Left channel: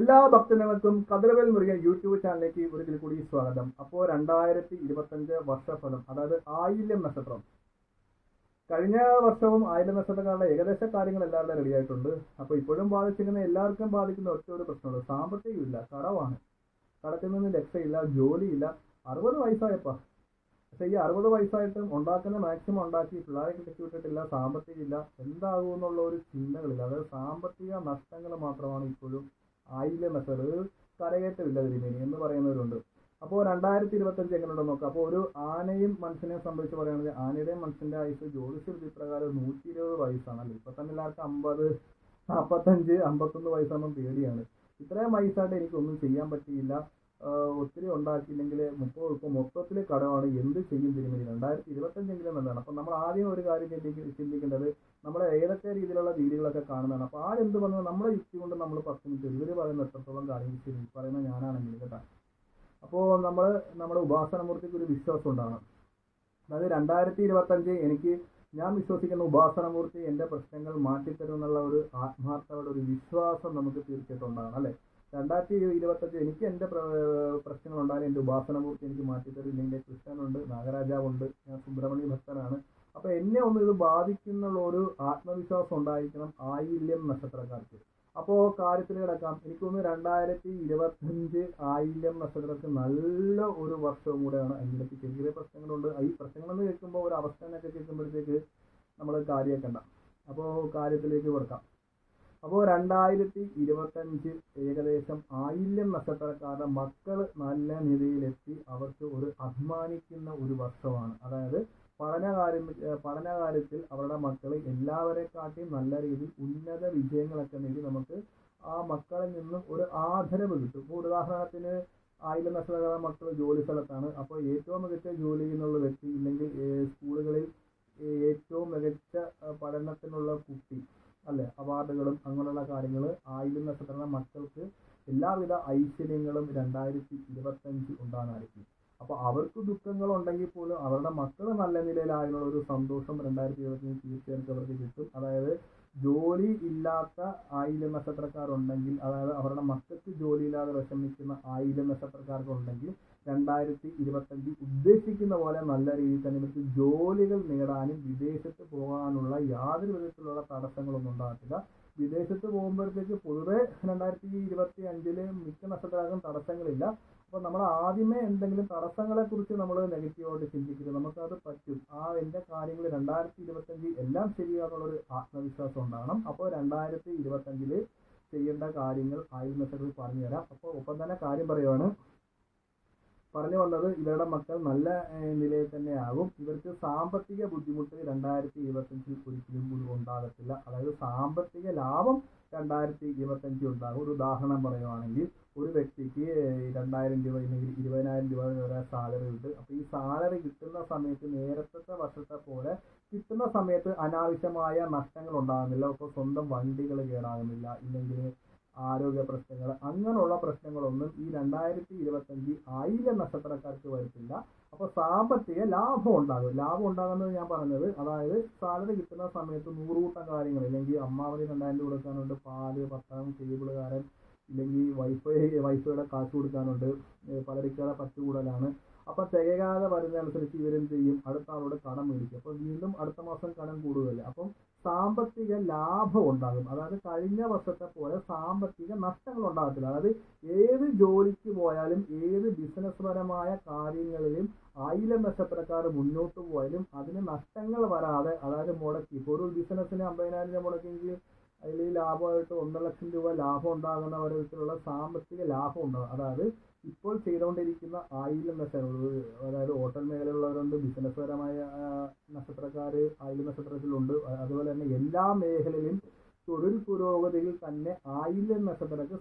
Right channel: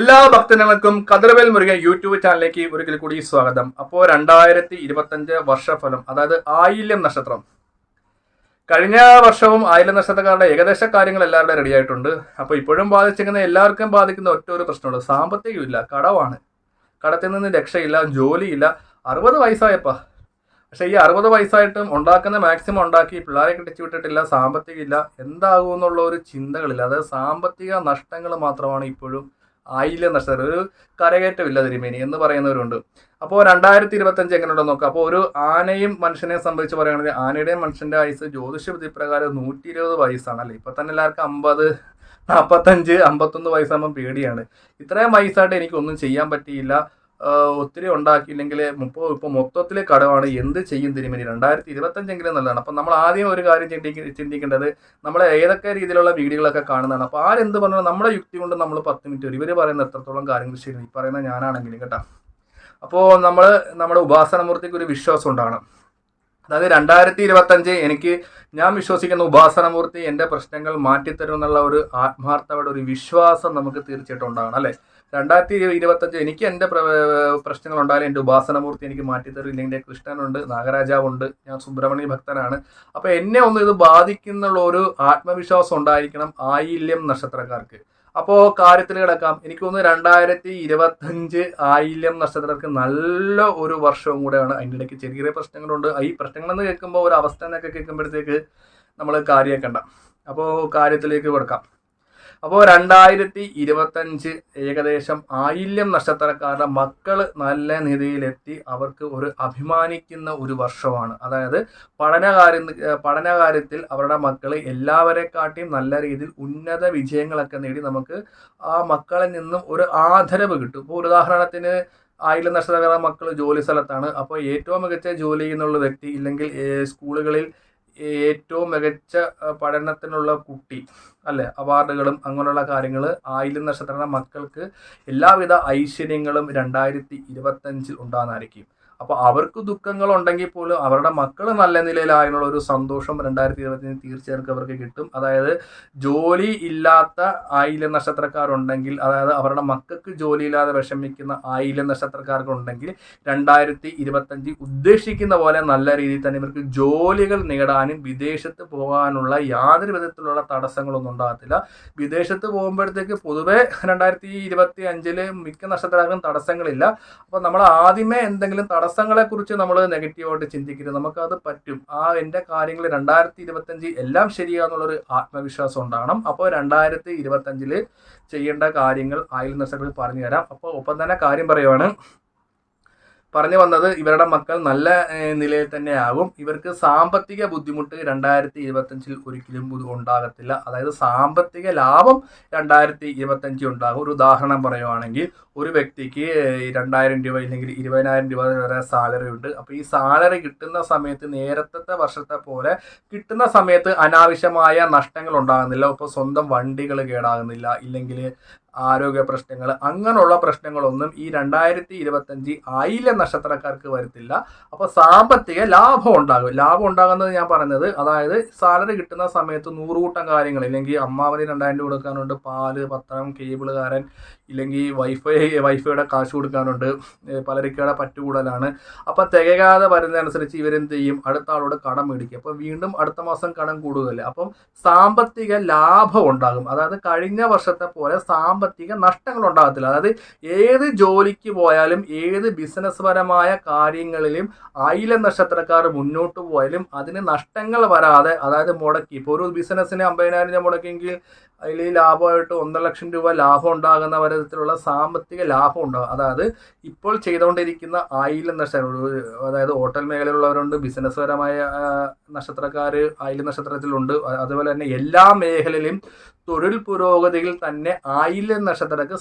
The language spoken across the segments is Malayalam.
എല്ലാ ഭക്തജനങ്ങൾക്കും കതിർവേൽ മുരുകൻ യൂട്യൂബ് ചാനലിലേക്ക് ഒരിക്കൽ കൂടി സ്വാഗതം. അപ്പോൾ 2025 വർഷഫലം, അതായത് ആയില്യം നക്ഷത്രം. കഴിഞ്ഞ വർഷവും ആയില്യം നക്ഷത്രക്കാരുടെ ഏകദേശ കാര്യങ്ങൾ എല്ലാവരുടെ റെഡി ആയിട്ടുണ്ട്. അപ്പോൾ ഇപ്പോഴും ബാധിച്ചിരിക്കുന്ന എല്ലാവർക്കും ബാധിക്കുന്ന ഒറ്റ ഒരു പ്രശ്നമുള്ളൂ, സാമ്പത്തികമില്ല, കടവാണ്. കടത്തിൽ നിന്ന് രക്ഷയില്ല, ജോലിയില്ല. 60 വയസ്സായപ്പാ. പക്ഷേ ഈ 60 വയസ്സായിട്ടും ഉണ്ടാക്കുന്ന മാക്സിമം ഉണ്ടാക്കി, പിള്ളേരെ കെട്ടിച്ചു വിട്ടിട്ടില്ല, സാമ്പത്തികമില്ല, എന്താകുമെന്നുള്ള ഒരു ചിന്തകളില്ല. അതായത് സാമ്പത്തിക നഷ്ടങ്ങൾ മാത്രമാണ് ഇപ്പോഴും ആയില്യം നക്ഷത്രം. ഒരു കരകയറ്റമില്ല തിരുമേനി എന്ന് പറയുന്നവരുണ്ട്. അപ്പോൾ 2025 എങ്ങനെയുണ്ടെന്ന് നോക്കാം. അപ്പോൾ ഒരു ആനയും മനുഷ്യനെ സംബന്ധിച്ച് പറയുകയാണെങ്കിൽ ആനയുടെയും മനുഷ്യന്റെ ആയുസ് ജ്യോതിഷ വിധി പ്രകാരം 120 വയസ്സാണ് അല്ലേ. ഇപ്പൊ തന്നെ എല്ലാവർക്കും 50, 45, 51 വയസ്സാകുമ്പോൾ പേടിയാണ്. ഇത്രയും വയസ്സായിട്ട് എനിക്കൊന്നും ചെയ്യാൻ പറ്റിയില്ല, ഒത്തിരി ഉണ്ടാക്കിയില്ലെങ്കിൽ ഇപ്പോൾ മൊത്തത്തിൽ കടമാണ്, എന്ത് ചെയ്യും തിരുമേനി, 2025 നല്ലതാണ്. അപ്പം നമ്മൾ ആദ്യം ഒരു കാര്യം ചിന്തിക്കേണ്ടത്, നമ്മൾ ഏതൊക്കെ രീതിയിലുള്ള വീഡിയോകളൊക്കെ കാണുന്നതാണ്. അപ്പോൾ ആരെന്ത് പറഞ്ഞാൽ നമ്മുടെ യുക്തി കൊണ്ട് നമ്മൾ 10 മിനിറ്റ് വരും, ഇവർ പറയുന്ന എത്രത്തോളം കാര്യങ്ങൾ ശരി, ഈ പറയുന്ന ഞാനാണെങ്കിലും കേട്ടോ. അപ്പോൾ നമ്മുടെ ഉപാസനമൂർത്തിക്ക് ഒരു വിശ്വാസം ഉണ്ടാകണം. അതായത് 2025 ഞാൻ വിശ്വസിക്കുന്ന ഉപാസനമൂർത്തി എൻ്റെ പ്രശ്നങ്ങൾ മാറ്റിത്തരും എന്നുള്ള ഒരു ആത്മാർത്ഥയുടെ ഒരു വിശ്വാസം നമുക്ക് തീർച്ചയായിട്ടും ഉണ്ടാകണം അല്ലേ. 2025 എനിക്ക് എൻ്റെ പ്രശ്നങ്ങൾ ഉണ്ടായാലും എൻ്റെ ഉപാസനമൂർത്തി എനിക്ക് മാറ്റിത്തരും. ഇല്ലെങ്കിൽ എൻ്റെ കൃഷ്ണനുണ്ട്, നാഗരാജാവുണ്ട്, ഞാൻ സുബ്രഹ്മണ്യ ഭക്തനാണ്. അപ്പോൾ എന്നെ ഒന്ന് ഇത് ബാധിക്കുന്നുള്ള ഒരു ആത്മവിശ്വാസം ഉണ്ടായിരിക്കണം ആയില്യം നക്ഷത്രക്കാർക്ക്. അപ്പോൾ കാര്യത്തിൽ കിടക്കാം. എനിക്ക് തോന്നുന്നു 2025 ആയില്യം നക്ഷത്രക്കാർക്ക് നല്ല ഒരു വർഷവും കൂടെയാണ്. അതിൻ്റെ ഇടയ്ക്ക് ചെറിയ ചെറിയ പ്രശ്നങ്ങളുണ്ട്. ഈ പ്രശ്നങ്ങളെന്ന് കേൾക്കുമ്പോൾ ഒരു അവസ്ഥ എന്നൊക്കെ കേൾക്കുമ്പോഴത്തേക്ക് നമ്മൾ കാര്യമാക്കണ്ട. അപ്പോൾ കാര്യത്തിലേക്ക് കിടക്കാം. അപ്പോൾ 2025 ഏകദേശം ആയില്യം നക്ഷത്രക്കാരുടെ മക്കൾ നല്ല നിലയിലെത്തി അവർക്ക് ഒരു അഭിമാനിക്കുന്ന ഒരു വർഷമാണ്. അതായത് പഠനകാര്യത്തിൽ അവരുടെ മക്കൾ എല്ലാവരെക്കാട്ടിയും നല്ല രീതിയിൽ ഉന്നത വിജയങ്ങളൊക്കെ നേടി നമുക്ക് ആ മക്കളിൽ നിന്നും ഒരു ആദരവ് കിട്ടും. ഇപ്പോൾ ഉദാഹരണത്തിന് ആയില്യം നക്ഷത്രക്കാരുടെ മക്കൾ ജോലി സ്ഥലത്താണ്. അപ്പോൾ ഏറ്റവും മികച്ച ജോലി ചെയ്യുന്നുള്ള വ്യക്തി, ഇല്ലെങ്കിൽ സ്കൂളുകളിൽ ഏറ്റവും മികച്ച പഠനത്തിനുള്ള കുട്ടി അല്ലെ, അവാർഡുകളും അങ്ങനെയുള്ള കാര്യങ്ങൾ ആയില്യം നക്ഷത്ര മക്കൾക്ക് എല്ലാവിധ ഐശ്വര്യങ്ങളും 2025 ഉണ്ടാകുന്നതായിരിക്കും. അപ്പോൾ അവർക്ക് ദുഃഖങ്ങൾ ഉണ്ടെങ്കിൽ പോലും അവരുടെ മക്കൾ നല്ല നിലയിലായുള്ള ഒരു സന്തോഷം 2025 തീർച്ചയായിട്ടും അവർക്ക് കിട്ടും. അതായത് ജോലി ഇല്ലാത്ത ആയില്യം നക്ഷത്രക്കാരുണ്ടെങ്കിൽ, അതായത് അവരുടെ മക്കൾക്ക് ജോലിയില്ലാതെ വിഷമിക്കുന്ന ആയില്യം നക്ഷത്രക്കാർക്കുണ്ടെങ്കിൽ 2025 ഉദ്ദേശിക്കുന്ന പോലെ നല്ല രീതിയിൽ തന്നെ ഇവർക്ക് ജോലികൾ നേടാനും വിദേശത്ത് പോകാനുള്ള യാതൊരു വിധത്തിലുള്ള തടസ്സങ്ങളൊന്നും ഉണ്ടാകത്തില്ല. വിദേശത്ത് പോകുമ്പോഴത്തേക്ക് പൊതുവെ 2025 മിക്ക നക്ഷത്രക്കാർക്കും തടസ്സങ്ങളില്ല. അപ്പോൾ നമ്മൾ ആദ്യമേ എന്തെങ്കിലും തടസ്സങ്ങളെ കുറിച്ച് നമ്മൾ നെഗറ്റീവായിട്ട് ചിന്തിക്കരുത്. നമുക്കത് പറ്റും. എൻ്റെ കാര്യങ്ങൾ 2025 എല്ലാം ശരിയാണെന്നുള്ളൊരു ആത്മവിശ്വാസം ഉണ്ടാകണം. അപ്പോൾ 2025 ചെയ്യേണ്ട കാര്യങ്ങൾ ആയില്യം നക്ഷത്രത്തിൽ പറഞ്ഞു തരാം. അപ്പോൾ ഒപ്പം തന്നെ കാര്യം പറയുവാണ്, പറഞ്ഞു വന്നത് ഇവരുടെ മക്കൾ നല്ല നിലയിൽ തന്നെ ആകും. ഇവർക്ക് സാമ്പത്തിക ബുദ്ധിമുട്ട് 2025 ഒരിക്കലും ഉണ്ടാകത്തില്ല. അതായത് സാമ്പത്തിക ലാഭം 2025 ഉണ്ടാകും. ഒരു ഉദാഹരണം പറയുവാണെങ്കിൽ, ഒരു വ്യക്തിക്ക് 2000 രൂപ ഇല്ലെങ്കിൽ 20,000 രൂപ വരെ സാലറി ഉണ്ട്. അപ്പോൾ ഈ സാലറി കിട്ടുന്ന സമയത്ത് നേരത്തെ വർഷത്തെ പോലെ കിട്ടുന്ന സമയത്ത് അനാവശ്യമായ നഷ്ടങ്ങൾ ഉണ്ടാകുന്നില്ല. ഇപ്പോൾ സ്വന്തം വണ്ടികൾ കേടാകുന്നില്ല, ഇല്ലെങ്കിൽ ആരോഗ്യ പ്രശ്നങ്ങൾ, അങ്ങനെയുള്ള പ്രശ്നങ്ങളൊന്നും ഈ 2025 ആയില്യം നക്ഷത്രക്കാർക്ക് വരത്തില്ല. അപ്പോൾ സാമ്പത്തിക ലാഭം ഉണ്ടാകും. ലാഭം ഉണ്ടാകുന്നത് ഞാൻ പറഞ്ഞത്, അതായത് സാലറി കിട്ടുന്ന സമയത്ത് 100 കൂട്ടം കാര്യങ്ങൾ, ഇല്ലെങ്കിൽ അമ്മാവന് 2000 രൂപ കൊടുക്കാനുണ്ട്, പാല്, പത്രം, കേബിളുകാരൻ, ഇല്ലെങ്കിൽ വൈഫൈയുടെ കാശ് കൊടുക്കാനുണ്ട്, പലരിക്കയുടെ പറ്റുകൂടലാണ്. അപ്പം തികയാതെ വരുന്നതനുസരിച്ച് ഇവരെന്ത് ചെയ്യും, അടുത്ത ആളോട് കടം മേടിക്കും. അപ്പോൾ വീണ്ടും അടുത്ത മാസം കടം കൂടുതലല്ലേ. അപ്പം സാമ്പത്തിക ലാഭം ഉണ്ടാകും. അതായത് കഴിഞ്ഞ വർഷത്തെ പോലെ സാമ്പത്തിക നഷ്ടങ്ങൾ ഉണ്ടാകത്തില്ല. അതായത് ഏത് ജോലിക്ക് പോയാലും ഏത് ബിസിനസ് പരമായ കാര്യങ്ങളിലും ആയില്യം നക്ഷത്രക്കാർ മുന്നോട്ട് പോയാലും അതിന് നഷ്ടങ്ങൾ വരാതെ, അതായത് മുടക്കി, ഇപ്പോൾ ഒരു ബിസിനസ്സിന് 50,000 രൂപ മുടക്കിയെങ്കിൽ അതിൽ ലാഭമായിട്ട് 1,00,000 രൂപ ലാഭം ഉണ്ടാകുന്ന തരത്തിലുള്ള സാമ്പത്തിക ലാഭം ഉണ്ടാകും. അതായത് ഇപ്പോൾ ചെയ്തുകൊണ്ടിരിക്കുന്ന ആയില്യം നക്ഷത്രം, അതായത് ഹോട്ടൽ മേഖലയിലുള്ളവരുണ്ട്, ബിസിനസ് പരമായ നക്ഷത്രക്കാർ ആയില്യം നക്ഷത്രത്തിലുണ്ട്. അതുപോലെ തന്നെ എല്ലാ മേഖലയിലും തൊഴിൽ പുരോഗതിയിൽ തന്നെ ആയില്യം നക്ഷത്രക്ക്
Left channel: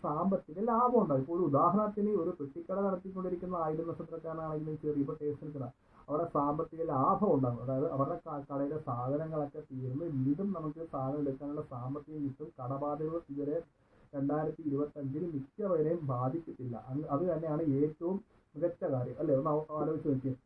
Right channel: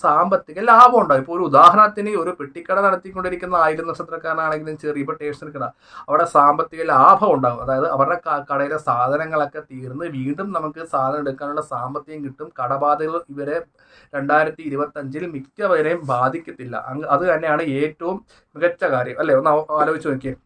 സാമ്പത്തിക ലാഭം ഉണ്ടാകും. ഇപ്പോൾ ഒരു ഉദാഹരണത്തിന് ഒരു പെട്ടിക്കട നടത്തിക്കൊണ്ടിരിക്കുന്ന ആയില്യം നക്ഷത്രക്കാരനാണെങ്കിലും ചെറിയ ഇപ്പോൾ സ്റ്റേഷനറി കട, അവിടെ സാമ്പത്തിക ലാഭം ഉണ്ടാകും. അതായത് അവരുടെ കടയിലെ സാധനങ്ങളൊക്കെ തീർന്ന് വീണ്ടും നമുക്ക് സാധനം എടുക്കാനുള്ള സാമ്പത്തികം കിട്ടും. കടബാധകൾ ഇവരെ 2025 മിക്കവരെയും ബാധിക്കത്തില്ല. അത് തന്നെയാണ് ഏറ്റവും മികച്ച കാര്യം അല്ലേ. ഒന്ന് ആലോചിച്ച് നോക്കിയേ.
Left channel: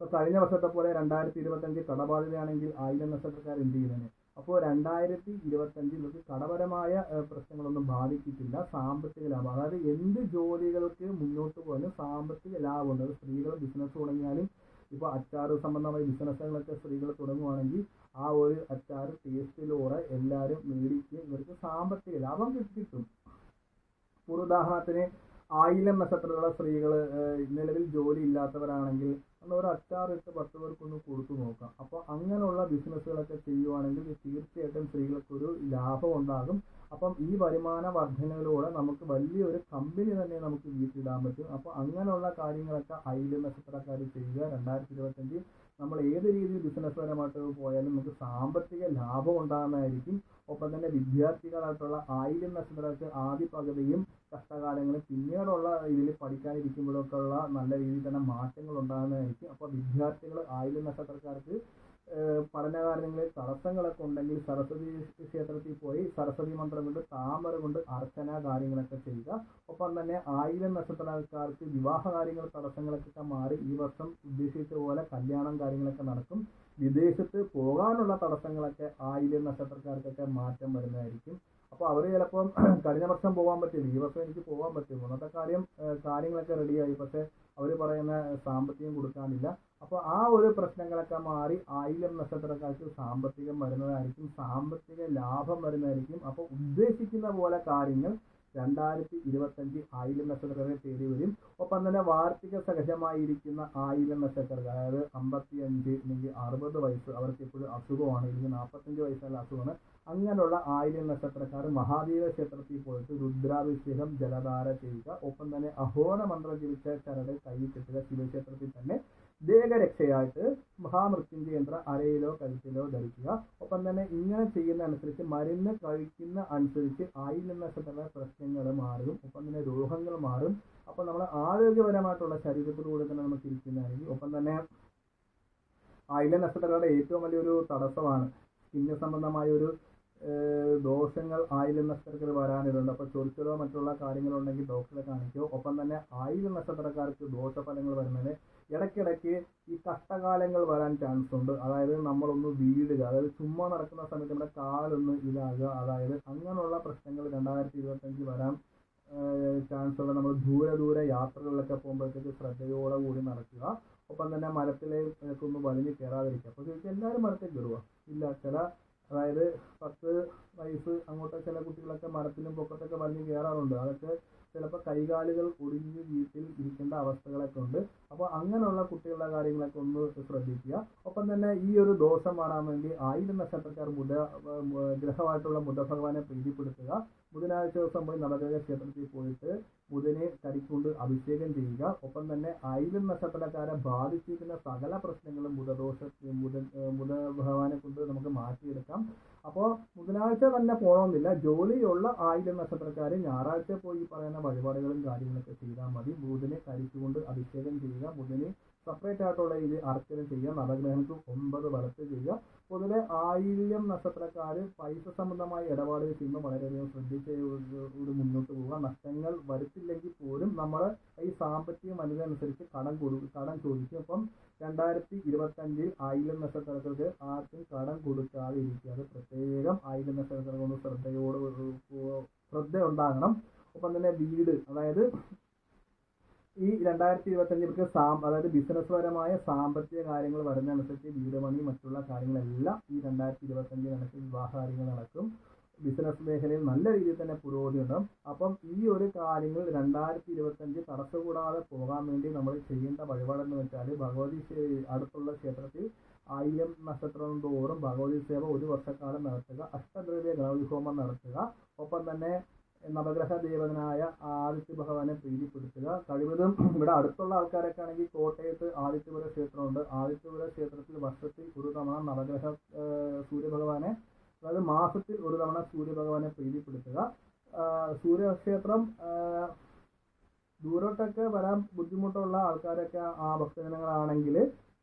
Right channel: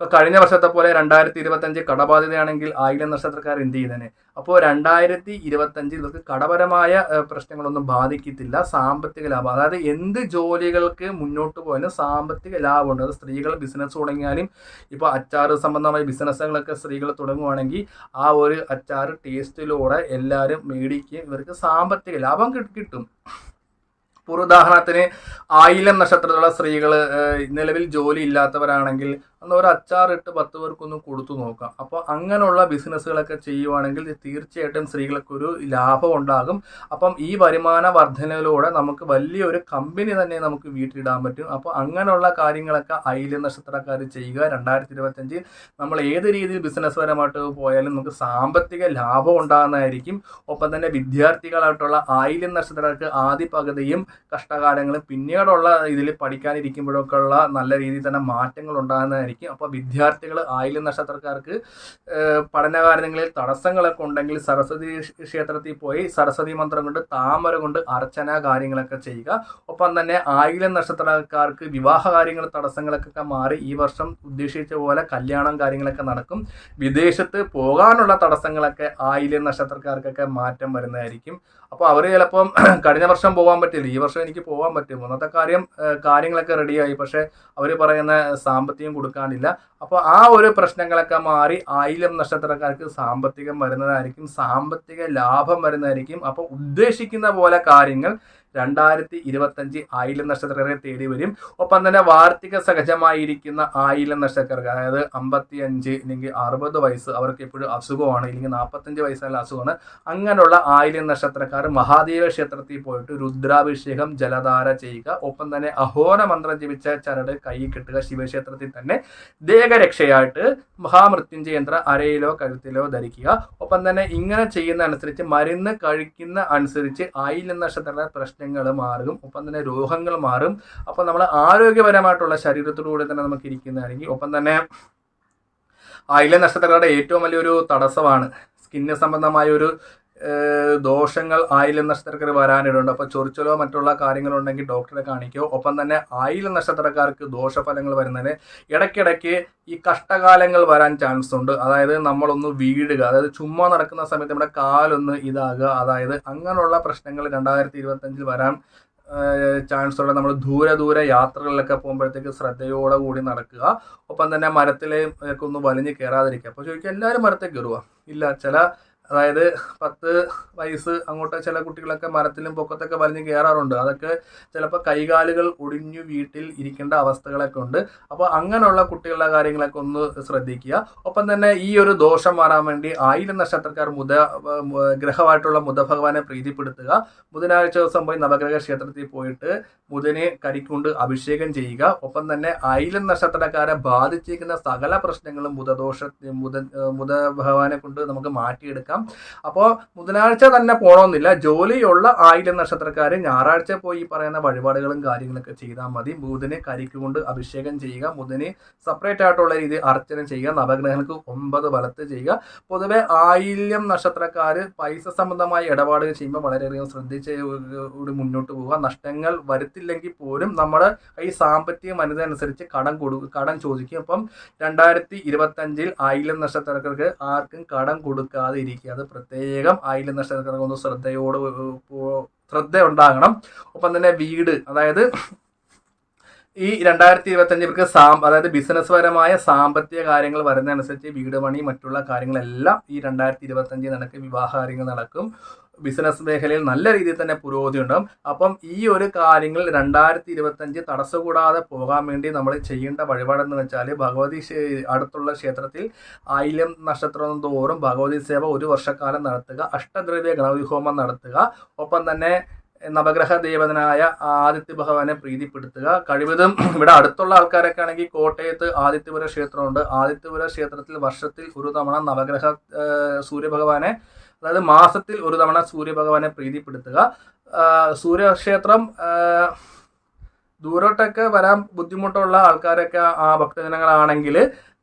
ഇപ്പോൾ കഴിഞ്ഞ വർഷത്തെ പോലെ 2025 കടബാധ്യതയാണെങ്കിൽ ആയില്യം നക്ഷത്രക്കാർ എന്ത് ചെയ്യുന്നതിന്? അപ്പോൾ 2025 ഇവർക്ക് കടപരമായ പ്രശ്നങ്ങളൊന്നും ബാധിക്കത്തില്ല. സാമ്പത്തിക ലാഭം, അതായത് എന്ത് ജോലികൾക്ക് മുന്നോട്ട് പോയാലും സാമ്പത്തിക ലാഭമുണ്ട്. അത് സ്ത്രീകൾ ബിസിനസ് തുടങ്ങിയാലും, ഇപ്പോൾ അച്ചാറ് സംബന്ധമായ ബിസിനസ്സുകളൊക്കെ സ്ത്രീകൾ തുടങ്ങുവാണെങ്കിൽ ആ ഒരു അച്ചാറ് ടേസ്റ്റിലൂടെ എല്ലാവരും മേടിക്കുകയും ഇവർക്ക് സാമ്പത്തിക ലാഭം കിട്ടും. ഒരു ഉദാഹരണത്തിന് ആയില്യം നക്ഷത്രത്തിലുള്ള സ്ത്രീകൾ നിലവിൽ ജോലി ഇല്ലാത്തവരാണെങ്കിൽ അന്ന് ഒരു അച്ചാറിട്ട് 10 പേർക്കൊന്ന് കൊടുത്തു നോക്കാം. അപ്പോൾ അങ്ങനെയുള്ള ബിസിനസ്സുകളൊക്കെ ചെയ്യുവാണെങ്കിൽ തീർച്ചയായിട്ടും സ്ത്രീകൾക്കൊരു ലാഭം ഉണ്ടാകും. അപ്പം ഈ വരുമാന വർധനയിലൂടെ നമുക്ക് വലിയൊരു കമ്പനി തന്നെ നമുക്ക് വീട്ടിലിടാൻ പറ്റും. അപ്പോൾ അങ്ങനെയുള്ള കാര്യങ്ങളൊക്കെ ആയില്യം നക്ഷത്രക്കാർ ചെയ്യുക. 2025 നമ്മൾ ഏത് രീതിയിൽ ബിസിനസ് പരമായിട്ട് പോയാലും നമുക്ക് സാമ്പത്തിക ലാഭം ഉണ്ടാകുന്നതായിരിക്കും. ഒപ്പം തന്നെ വിദ്യാർത്ഥികളായിട്ടുള്ള ആയില്യം നക്ഷത്രക്കാർക്ക് ആദ്യ പകുതിയും കഷ്ടകാലങ്ങളും പിന്നീടുള്ള ഇതിൽ പഠിക്കാനിരിക്കുമ്പോഴൊക്കെ ഉള്ള നല്ല രീതിയിൽ തന്നെ മാറ്റങ്ങൾ ഉണ്ടാകുന്നതായിരിക്കും. അപ്പോൾ വിദ്യാർത്ഥികൾ ആയില്യം നക്ഷത്രക്കാർക്ക് പഠനകാര്യങ്ങളിൽ തടസ്സങ്ങളൊക്കെ ഉണ്ടെങ്കിൽ സരസ്വതി ക്ഷേത്രത്തിൽ പോയി സരസ്വതി മന്ത്രം കൊണ്ട് താമര കൊണ്ട് അർച്ചന കാര്യങ്ങളൊക്കെ ചെയ്യുക. ഒപ്പം തന്നെ ആയില്യം നക്ഷത്രക്കാർക്ക് വിവാഹ കാര്യങ്ങൾ തടസ്സങ്ങളൊക്കെ മാറി ഈ വർഷം ഉദ്ദേശിച്ച പോലെ കല്യാണം കാര്യങ്ങളൊക്കെ നടക്കും. വിദേശത്ത് പോകാനുള്ള തടസ്സങ്ങളൊക്കെ ആയില്യം നക്ഷത്രക്കാർക്കൊക്കെ മാറ്റം വരുന്നതായിരിക്കും. അപ്പോൾ അവർ ചിലപ്പം കഴിഞ്ഞ വർഷം പോകാൻ പറ്റില്ല, ഈ വർഷം എനിക്ക് പോകാൻ പറ്റും, ഒന്നത്തെ കാര്യങ്ങളൊക്കെ റെഡിയായി, പക്ഷേ അവർ പറയുന്ന സാമ്പത്തികം കൊടുക്കാനില്ല. അപ്പോൾ ആ ഒരു പ്രശ്നങ്ങളൊക്കെ മാറി ആയില്യം നക്ഷത്രക്കാർക്ക് സാമ്പത്തികം വരുന്നതായിരിക്കും, സാമ്പത്തിക ലാഭം വരുന്നതായിരിക്കും. അപ്പോൾ ഉദ്ദേശിക്കുന്ന പോലെ കാര്യങ്ങൾ 2025 ആയില്യം നക്ഷത്രക്കാരെ തേടി വരും. ഒപ്പം തന്നെ വാർഷിക സഹജമായിരിക്കുന്ന ആയില്യം നക്ഷത്രക്കാർക്ക്, അതായത് 55 അല്ലെങ്കിൽ 60 വയസ്സ്, അവർക്ക് എപ്പോഴും അസുഖമാണ്, ഇല്ലെങ്കിൽ 45 വയസ്സുള്ള അസുഖമാണ്. അങ്ങനെയുള്ള ആയില്യം നക്ഷത്രക്കാർ മഹാദേവ ക്ഷേത്രത്തിൽ പോയിട്ട് രുദ്രാഭിഷേകം ജലധാര ചെയ്യുക. ഒപ്പം തന്നെ അഹോര മന്ത്രം ജപിച്ച ചരട് കൈ കെട്ടുക. ശിവക്ഷേത്രത്തിൽ തന്നെ ദേഹരക്ഷയായിട്ട് മഹാമൃത്യുഞ്ജയ യന്ത്രം അരയിലോ കഴുത്തിലോ ധരിക്കുക. ഒപ്പം തന്നെ ഇങ്ങനെ ചെയ്യുന്ന അനുസരിച്ച് മരുന്ന് കഴിക്കുന്ന അനുസരിച്ച് ആയില്യം നക്ഷത്രക്കാരുടെ പ്രശ്നങ്ങൾ മാറും. ഒപ്പം തന്നെ രോഗങ്ങൾ മാറും. അപ്പോൾ നമ്മൾ ആരോഗ്യപരമായിട്ടുള്ള ശരീരത്തിലൂടെ തന്നെ നമുക്ക് ഇരിക്കുന്നതായിരിക്കും. ഒപ്പം തന്നെ ആയില്യം നക്ഷത്രക്കാരുടെ ഏറ്റവും വലിയൊരു തടസ്സമാണ് സ്കിന്ന് സംബന്ധമായ ഒരു ദോഷങ്ങൾ ആയില്യം നക്ഷത്രക്കാർ വരാനിടുന്നുണ്ട്. അപ്പോൾ ചൊറിച്ചലോ മറ്റുള്ള കാര്യങ്ങളുണ്ടെങ്കിൽ ഡോക്ടറെ കാണിക്കോ. ഒപ്പം തന്നെ ആയില്യം നക്ഷത്രക്കാർക്ക് ദോഷഫലങ്ങൾ വരുന്നതിന് ഇടയ്ക്കിടയ്ക്ക് ഈ കഷ്ടകാലങ്ങൾ വരാൻ ചാൻസ് ഉണ്ട്. അതായത് നമ്മളൊന്ന് വീഴുക, അതായത് ചുമ്മാ നടക്കുന്ന സമയത്ത് നമ്മുടെ കാലൊന്ന് ഇതാകുക, അതായത് അങ്ങനെയുള്ള പ്രശ്നങ്ങൾ 2025 വരാൻ ചാൻസ് ഉള്ള. നമ്മൾ ദൂരെ യാത്രകളിലൊക്കെ പോകുമ്പോഴത്തേക്ക് ശ്രദ്ധയോടെ കൂടി നടക്കുക. ഒപ്പം തന്നെ മരത്തിലേക്ക് ഒന്ന് വലിഞ്ഞ് കയറാതിരിക്കുക. അപ്പോൾ ചോദിക്കുക, എല്ലാവരും മരത്തിൽ കയറുക? ഇല്ല, അതായത് 10 വയസ്സ് അങ്ങോട്ട് ചില കുട്ടികളൊക്കെ മരത്തിലും പൊക്കത്തൊക്കെ വലിഞ്ഞ് കയറാറുണ്ട്. അതൊക്കെ ചിലപ്പോൾ കൈകാലുകൾ ഒടിഞ്ഞു വീട്ടിൽ ഇരിക്കേണ്ട അവസ്ഥകളൊക്കെ ഉണ്ട്. അപ്പോൾ അങ്ങനെയുള്ള കുട്ടികളുടെ കാര്യങ്ങളൊക്കെ ഒന്ന് ശ്രദ്ധിക്കുക. ഒപ്പം തന്നെ ഈ ഒരു ദോഷം മാറാൻ വേണ്ടി ആയില്യം നക്ഷത്രക്കാർ ഗ്രഹമായിട്ടുള്ള ബുധ ഭഗവാനെ പ്രീതിപ്പെടുത്തുക. ബുധനാഴ്ച ദിവസം പോയി നവഗ്രഹ ക്ഷേത്രത്തിൽ പോയിട്ട് ബുധനെ കരിക്കൊണ്ട് അഭിഷേകം ചെയ്യുക. ഒപ്പം തന്നെ ആയില്യം നക്ഷത്രക്കാരെ ബാധിച്ചിരിക്കുന്ന സകല പ്രശ്നങ്ങളും ബുധ ഭഗവാനെ കൊണ്ട് നമുക്ക് മാറ്റിയെടുക്കാം. അപ്പോൾ ബുധനാഴ്ച തന്നെ പോകണമെന്നില്ല. ജോലിയുള്ള ആയില്യം നക്ഷത്രക്കാർ ഞായറാഴ്ച പോയി പറയുന്ന വഴിപാടുകളും കാര്യങ്ങളൊക്കെ ചെയ്താൽ മതി. ബുധനെ കരിക്കൊണ്ട് അഭിഷേകം ചെയ്യുക. ബുധനെ സെപ്പറേറ്റ് ആയിട്ടുള്ള രീതിയിൽ അർച്ചന ചെയ്യുക. നവഗ്രഹങ്ങൾക്ക് 9 വലത്ത് ചെയ്യുക. പൊതുവെ ആയില്യം നക്ഷത്രക്കാർ പൈസ സംബന്ധമായ ഇടപാടുകൾ ചെയ്യുമ്പോൾ വളരെയധികം ശ്രദ്ധിച്ച് മുന്നോട്ട് പോവുക. നഷ്ടങ്ങൾ വരുത്തില്ലെങ്കിൽ പോലും നമ്മുടെ ഈ സാമ്പത്തിക അനുസരിച്ച് കടം ചോദിക്കും. അപ്പം 2025 ആയില്യം നക്ഷത്രക്കാർക്ക് ആർക്കും കടം കൊടുക്കാതെ ഇരിക്കുക. അത് പ്രത്യേകം ആയില്യം നക്ഷത്രക്കാർക്ക് ഒന്ന് ശ്രദ്ധ ഉണ്ടാകണം. ഒപ്പം തന്നെ വീട്, അതായത് ഈ 2025 അതായത് ബിസിനസ് പരമായ സാമ്പത്തിക കാര്യങ്ങൾ വരുന്നതനുസരിച്ച് വീട് പണി മറ്റുള്ള കാര്യങ്ങളെല്ലാം ഈ 2025 നടക്കും. വിവാഹ കാര്യങ്ങൾ നടക്കും. ബിസിനസ് മേഖലയിൽ നല്ല രീതിയിൽ തന്നെ പുരോഗതി ഉണ്ടാകും. അപ്പം ഈ ഒരു കാര്യങ്ങൾ 2025 തടസ്സം കൂടാതെ പോകാൻ വേണ്ടി നമ്മൾ ചെയ്യേണ്ട വഴിപാടെന്ന് വെച്ചാൽ ഭഗവതി അടുത്തുള്ള ക്ഷേത്രത്തിൽ ആയില്യം നക്ഷത്രം തോറും ഭഗവതി സേവ 1 വർഷക്കാലം നടത്തുക. അഷ്ടദ്രവ്യ ഗണപതി ഹോമം നടത്തുക. ഒപ്പം തന്നെ നവഗ്രഹ ദേവതനായ ആദിത്യ ഭഗവാനെ പ്രീതിപ്പെടുത്തുക. കഴിവതും ഇവിടെ അടുത്തുള്ള ആൾക്കാരൊക്കെ ആണെങ്കിൽ കോട്ടയത്ത് ആദിത്യപുര ക്ഷേത്രമുണ്ട്. ആദിത്യപുര ക്ഷേത്രത്തിൽ വർഷത്തിൽ ഒരു തവണ നവഗ്രഹ സൂര്യഭഗവാനെ, അതായത് മാസത്തിൽ ഒരു തവണ സൂര്യഭഗവാനെ പ്രീതിപ്പെടുത്തുക. സൂര്യക്ഷേത്രം ദൂരോട്ടൊക്കെ വരാൻ ബുദ്ധിമുട്ടുള്ള ആൾക്കാരൊക്കെ ആ ഭക്തജനങ്ങളാണെങ്കിൽ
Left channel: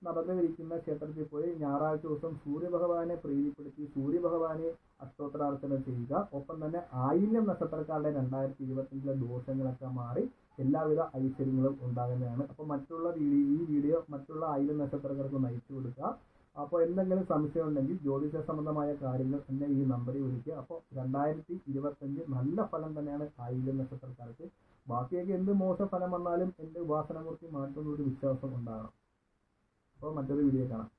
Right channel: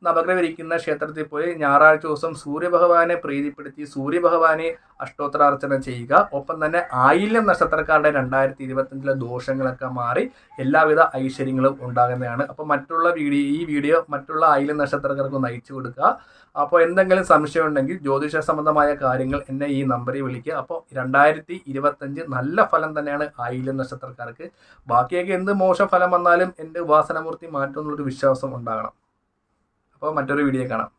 നവഗ്രഹം ഇരിക്കുന്ന ക്ഷേത്രത്തിൽ പോയി ഞായറാഴ്ച ദിവസം സൂര്യഭഗവാനെ പ്രീതിപ്പെടുത്തി സൂര്യഭഗവാനെ അഷ്ടോത്തരാർച്ചന ചെയ്യുക. ഒപ്പം തന്നെ ആയില്യം നക്ഷത്രക്കാരുടെ 2025 ദോഷങ്ങളൊക്കെ മാറി എല്ലാവിധ ഐശ്വര്യങ്ങളും ഉണ്ടാകുന്നതാണ്. അപ്പോൾ ഈ വീഡിയോ മറ്റുള്ള ആയില്യം നക്ഷത്രക്കാർക്ക് ഒന്ന് അയച്ചു കൊടുക്കുക. അപ്പോൾ എന്തെങ്കിലും സംശയം ഉണ്ടെങ്കിൽ ജ്യോതിഷ സംബന്ധമായ കാര്യങ്ങൾ എന്നെ ഈ നമ്പറിൽ വിളിക്കുക. അപ്പോൾ 2025 നല്ല ഫലം തന്നെയാണ് ആയില്യം നക്ഷത്രക്കാർക്ക്. ബാക്കിയൊക്കെ എന്ത് മോശം ഫലം വന്നാലും എൻ്റെ ഉപാസനമൂർത്തി മാറ്റുമെന്നുള്ളൊരു വിശ്വാസം ഉണ്ടാകണം. അപ്പോൾ മറ്റൊരു വീഡിയോ കാണാം.